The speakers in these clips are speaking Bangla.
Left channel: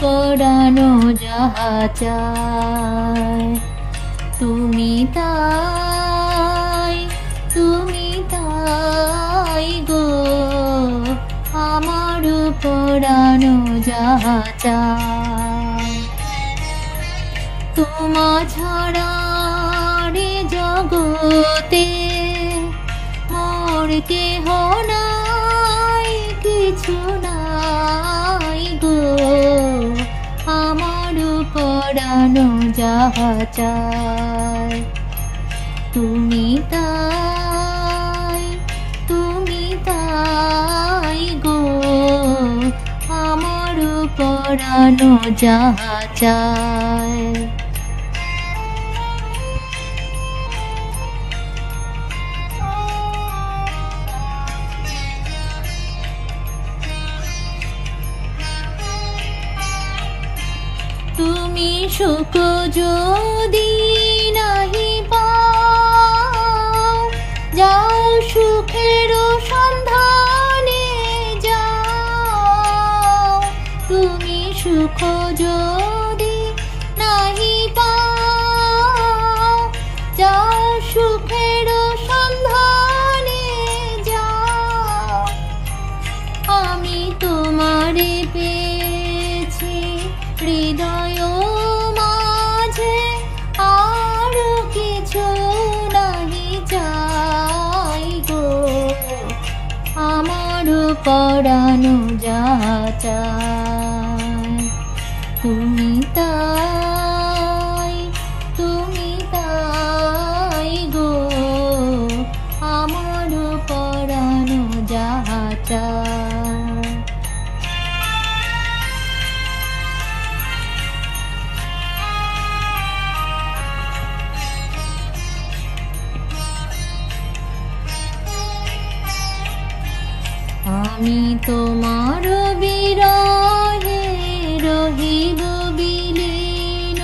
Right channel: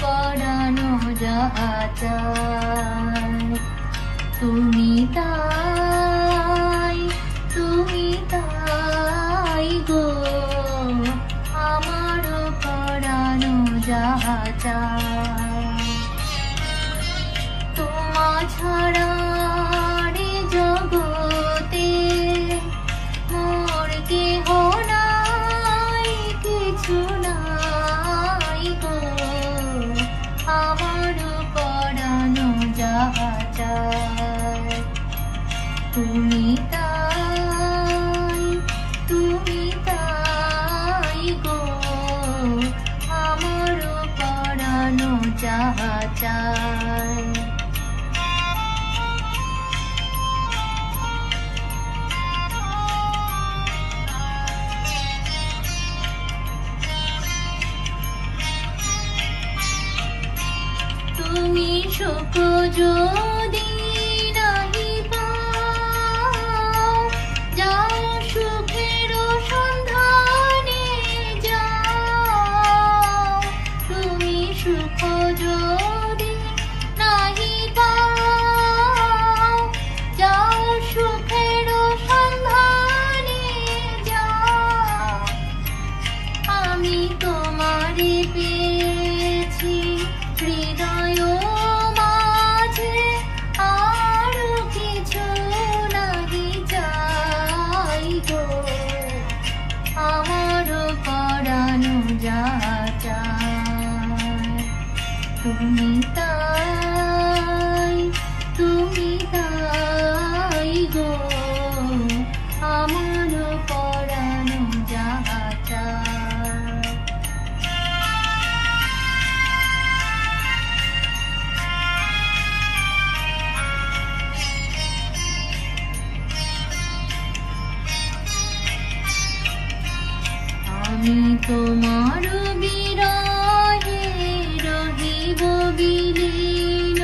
পরানো যাহা চায়। তুমি তাই গো, আমার পরানো যাহা চায়। তোমা ছাড়া রে জগতে মোর কেহ নাই, কিছু নাই গো, আমার পরানো যাহা চায়। তুমি তাই গো, আমার পরানো যাহা চায়। তুমি সুখ যদি নাহি পাও, যাও সুখের সন্ধানে যাও। তুমি সুখ যদি নাহি পাও, যাও সুখের সন্ধানে যাও। আমি তোমারে পেয়েছি হৃদয় মাঝে, আর কিছু নাহি চাই গো, আমার পরানো যাহা চায়। তুমি তাই গো, আমার পরানো যাহা চায়। আমি তোমার বিরহে রহিব বিলীন,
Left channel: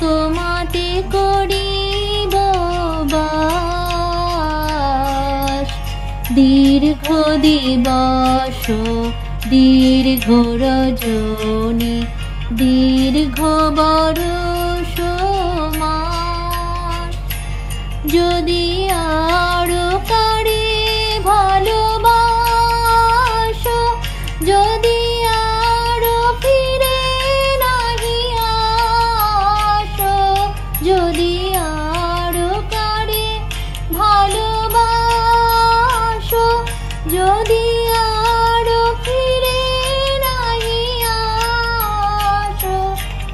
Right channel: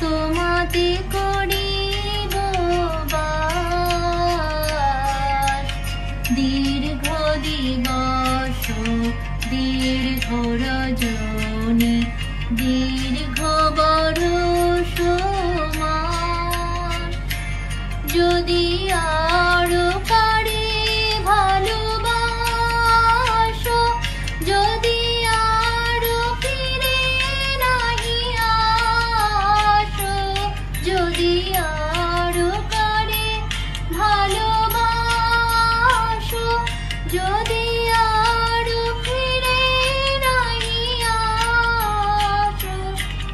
তোমাতে করিব বাস। দীর্ঘ দিবস দীর্ঘ রজনী, দীর্ঘ বরষ মাস। যদি আরো কারে ভালোবাসো, যদি আরো ফিরে নাহি আসো, যদি আরো কারে ভালোবাসো, যদি আরো ফিরে নাহি আসো,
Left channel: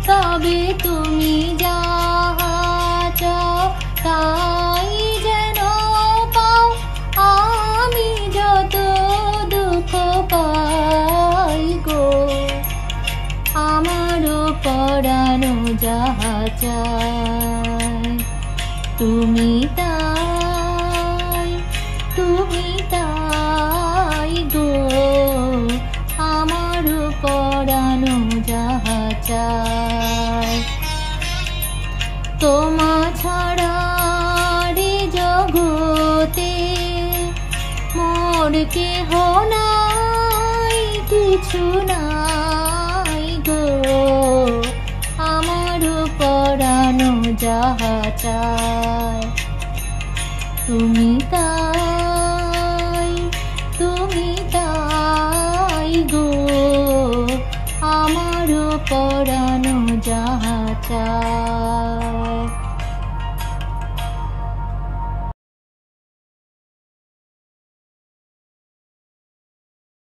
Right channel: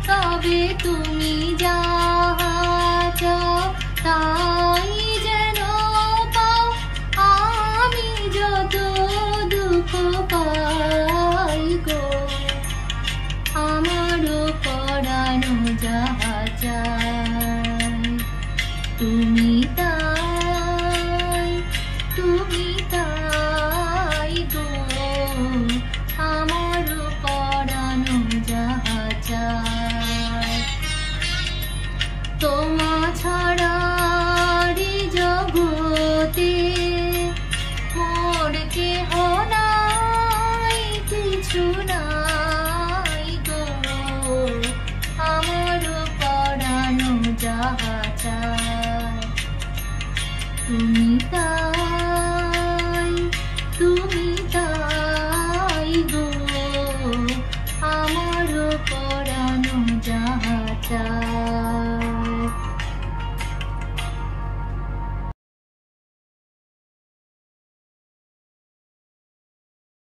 তবে তুমি যাহা চাও তাই যেন পাও। আমি যত দুঃখ পাই গো, আমার পরানো যাহা চায়। তুমি তাই গো, আমার পরানো যাহা চায়। তোমা ছাড়া রে জগতে মোর কেহ নাই, কিছু নাই গো, আমার পরানো যাহা চায়। তুমি তাই গো, আমার পরানো যাহা চায়।